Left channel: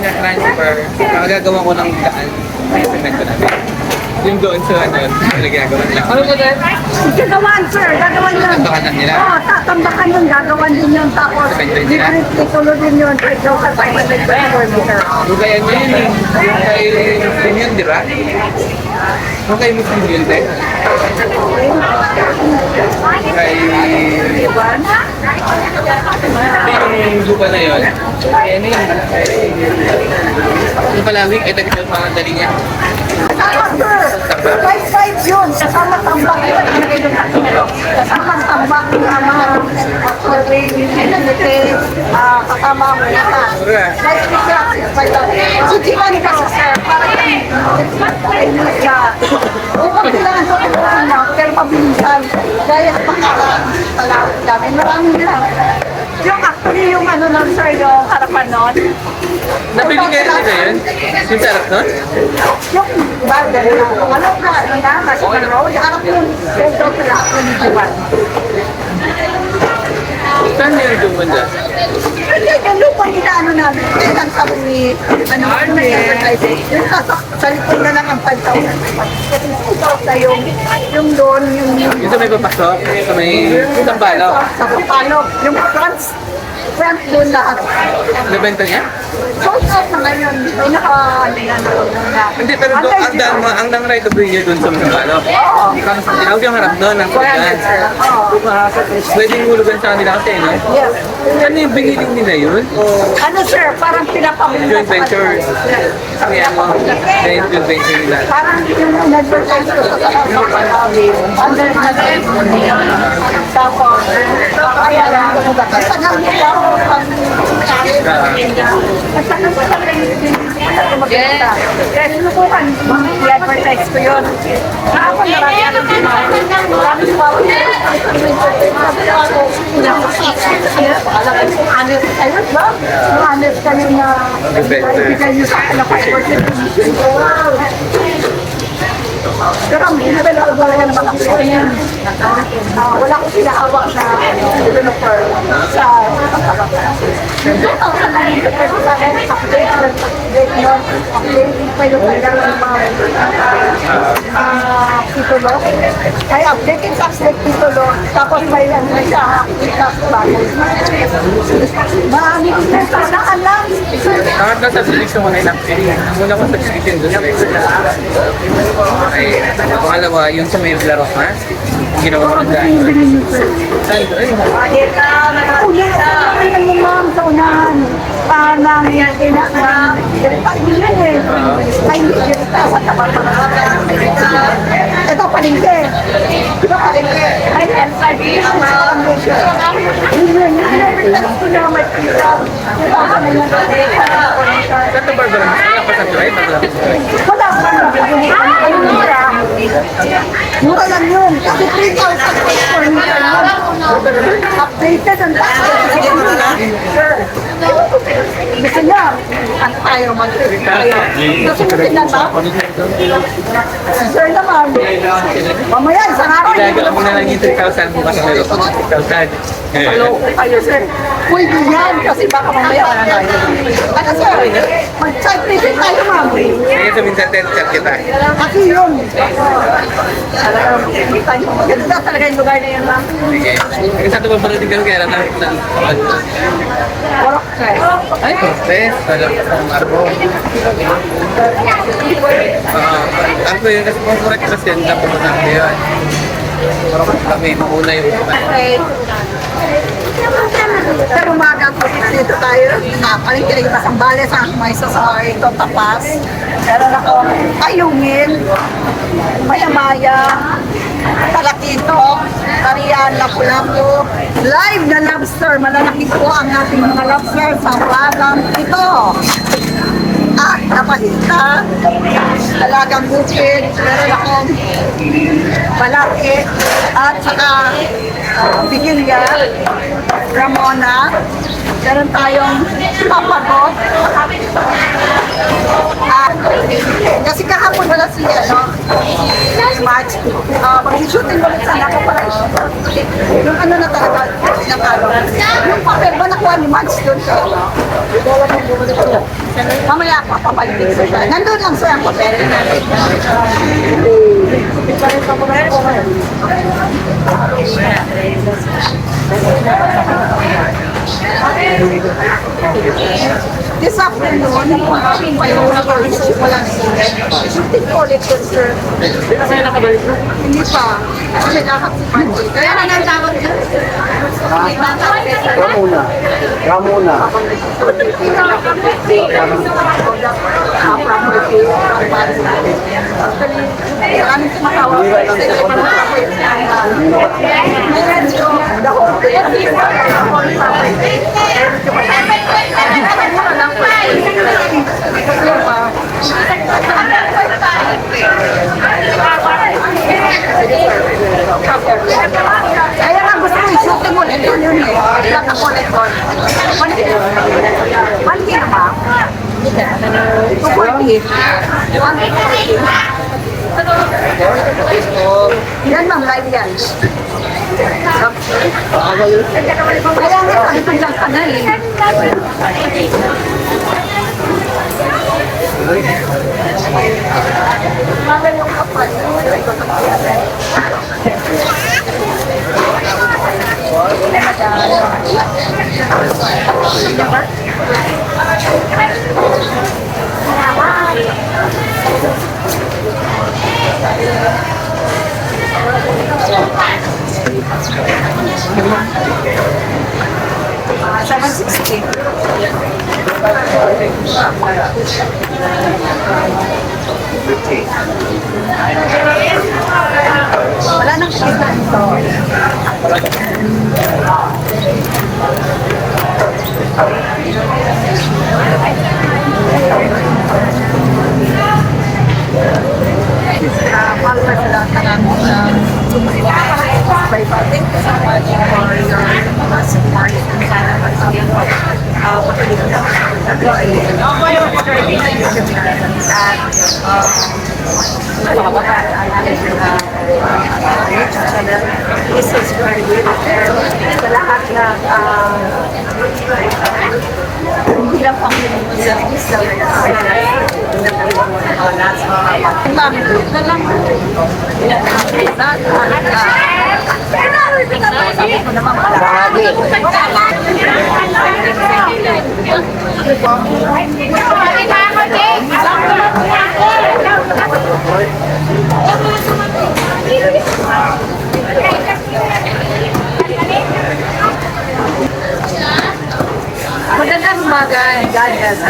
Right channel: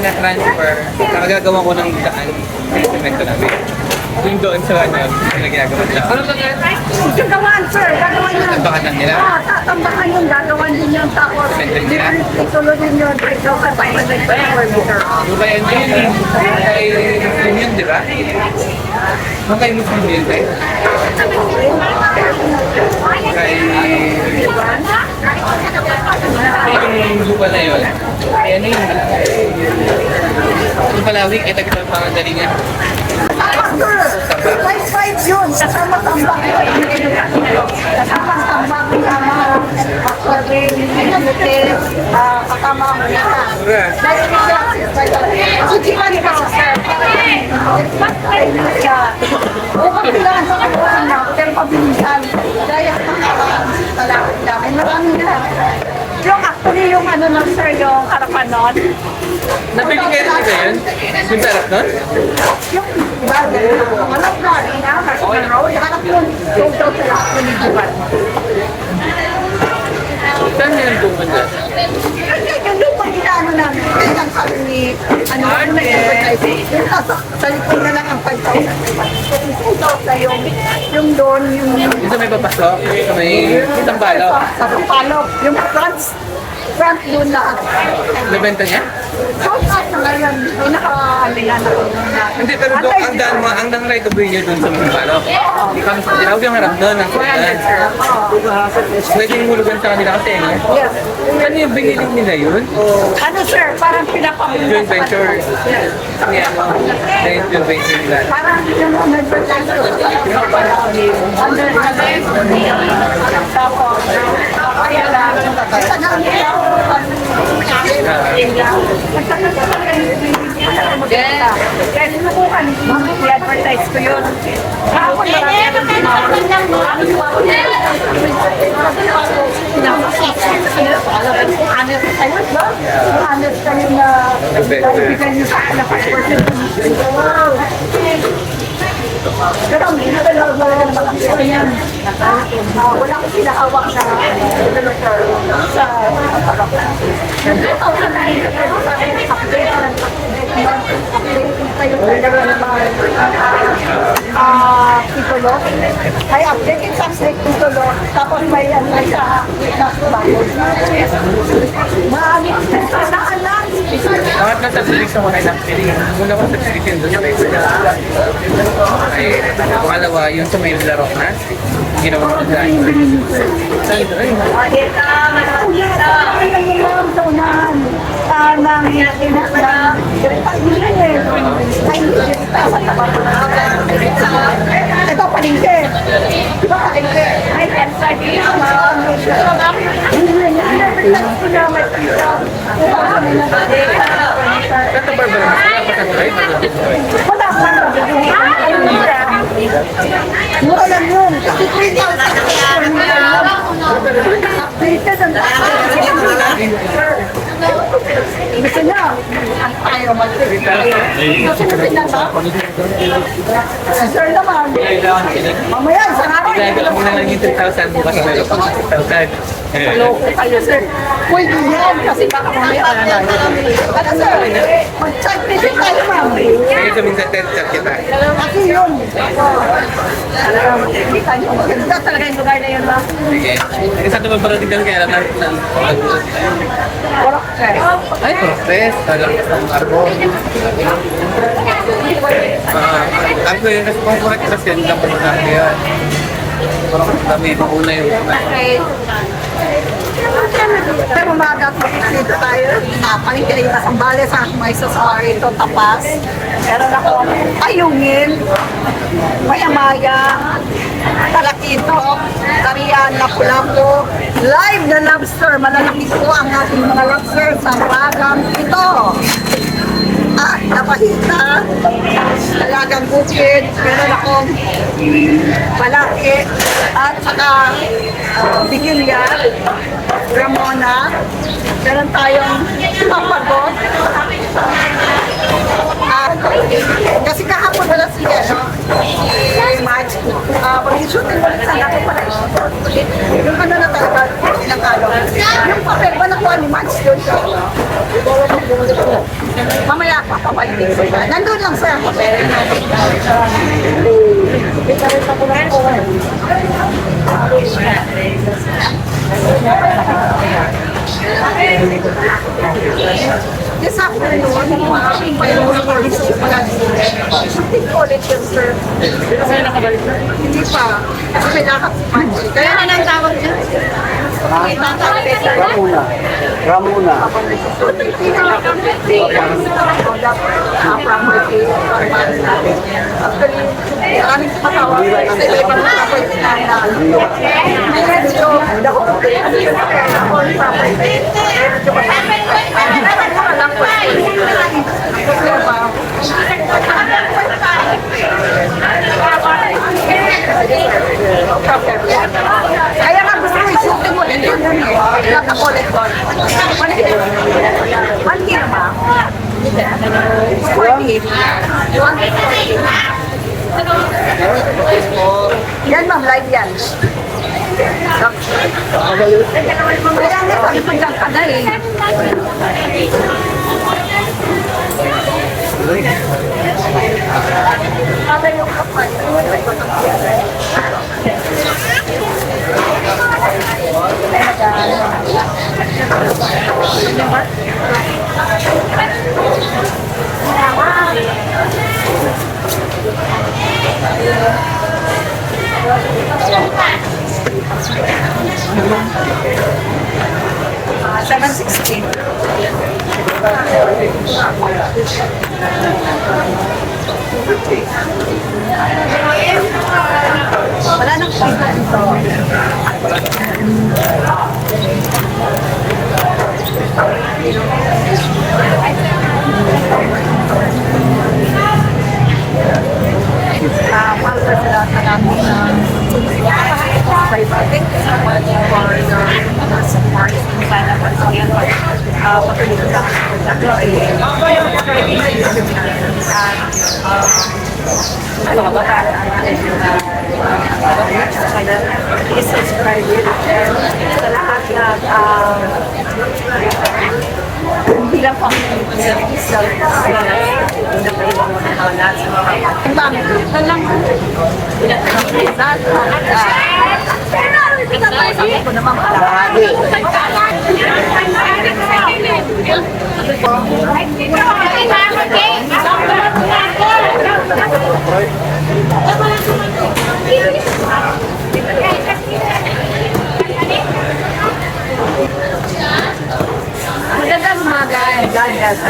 na transfer, gagawa ko ng daan sa cemento namin. Yung doon sa ano, yung ginagawa nila. Gagawan, sir. Gagawan yun. Tambakan nila? Oo, tambakan yun. Gagawan din yun. Tapos, itulo din yun. Ikaw sa 500 per square meter. Yung kaya nyo yun eh. Yung kay yun, di ba? Yung kay Muslim yun, te? Kay... Yung lupa na yun. Kaya na yun. Yung palawig, ay tagal pa ang dali niya. Tama, sir. 5-5 yun. Kasama tambak. Kasama tambak. Kasama survey. Kasama ang muna. Sujilan ka sa sir. Para yung bukod sila ang pagkakuhan na. Pero pabilisan. Gaya sa palawig namin. Maraming lang. Yung actually yung ano nun sir, yung harapan nun. Nabili kayo na yun? Yung sarap nun? Yung iba, dahil na, malaw na, National Road, harap yung sold out sila sa Lijiban. Saan yun yung banda? Kasi yung lupa ano namin, yung ang sabi ni, ano na yung sa likod na lang ang 5,000. Kasi sold out na yung doon, yung Yung sa may papasok? Sa may Sampalo? sa Kapalok, yung front doon lahat. Nabenta niya? Sold out na ngayon, yung Hindi, pero doon, ang dang right of way niya doon sa Sampalo. Ikaw yung harap doon, ang 400 sir. Pwedeng hulugan sa kanila kasi, no? Yes. Ano yung biniling nila yun? O Ano sir, parang pinapamilya joint venture? Ang yan mo, joint venture nila. parang yung nag-advertise ko sa Palawig, under tapos, kaya lang, ang tagal nila, ang tagal ko lang magpunta. Kaya sinubukan, i-advertise ko yun. Kahapon, marami ang tumawag. Marami tumawag. Sabi na ako, alam ko kung honest kayo, ba? Kung honest kayo na ibigay nyo sa akin na 5%. Pero ang ginagala ko wala naman ang yan. Wala akong pinahawak na developer sa Patalok. 2009, pero sa akin, update yun. Update pa yung dalawa ng mga titulo. Ay, update yung subject titulo. Tapos may sa bago. Maamit na sa alam. Bakit na subscription ko na yung muna ko subscription doon. Ay, pangalawa, yung sa may laro ha? Ginawa ko dahil. Saan ito? Ay, Ay, yung ma'am sa unahan. Nang ina sa tapat ito palingke. Ito palingke. Ay, NSRD. Ito na may pita. Ito sa may Saan Barbara? Wala pa sa drive? wala pa na. Ano nila? Mura lang yun. Kasi 3,000 updated ang gusto niya, ang tayo romantic. Gusto niya tinata? Sir naman, mamaya, isang araw. Gagawin mo na lang yung 3,000 bukas na meron pang 6,000. Maloko kayo, sir. Pwede yan, kasi baka mamaya wala na yun. Ano, sir? Mag-chat visit tayo, ma'am. Kaya sa minsan chat kita. Kasi yun. Talagang, hindi tayo. Maganda talaga yung lugar na yun, ma'am. Sige. Isa ito ba paradigan kaya lang ng Warok, sir. ay, process. Parang arbon. Ano yun? Kasi kung correct kasi yan, lang po na yun. Parang kami, mauna yun. Okay. Sa umaga, dito tayo. Paling kayo masambales ang may sasawari ito, tapas. Meron ako ayungin, maya-maya, talakito, tarian, lapu-lapu, live na lobster. Malalaki po ang ating mga lobster sa Wagang ito. At napahita, talagang bukid, meron akong malaki, at saka bigilya, Ramona, meron tayong papagot, kasi kahapon wala siya, no? March, pag-shooting ulit sana ako para yung ano na talaga, pinakalo. Yung papel ba nakuha ni Mads doon sa ano? Mamaya papapalitin ko ba? Nandun lang sa papel. This afternoon, mayroon ako rin walang shooting ulit yun, sir. Hindi pa. Kasi dapat si Manji. Kaya nga nang tawag yun. Ramona. Ramona. Actually, maraming tumatawag. Kasi may pang-tawag the whole day. Ako yung papay. Mura lang po. Kasi ba? Kaya nga gusto ko i-shooting mo dito yun eh. Lang ako ulit doon. Mandi naman. 240. Yan ma'am, live yan. Kaya nga sabi ko lang ka na eh. Mami yung kapal. $760. Wala nang kita dito. Para sa lahat ng aming by public, sa mga for your support and sana patuloy ko patuloy ko sa ano ba ang ating subscriber sa lahat na hindi lang pang service sa Mami, na lang. Sabi ko naman palagi. Magandang umaga. God bless.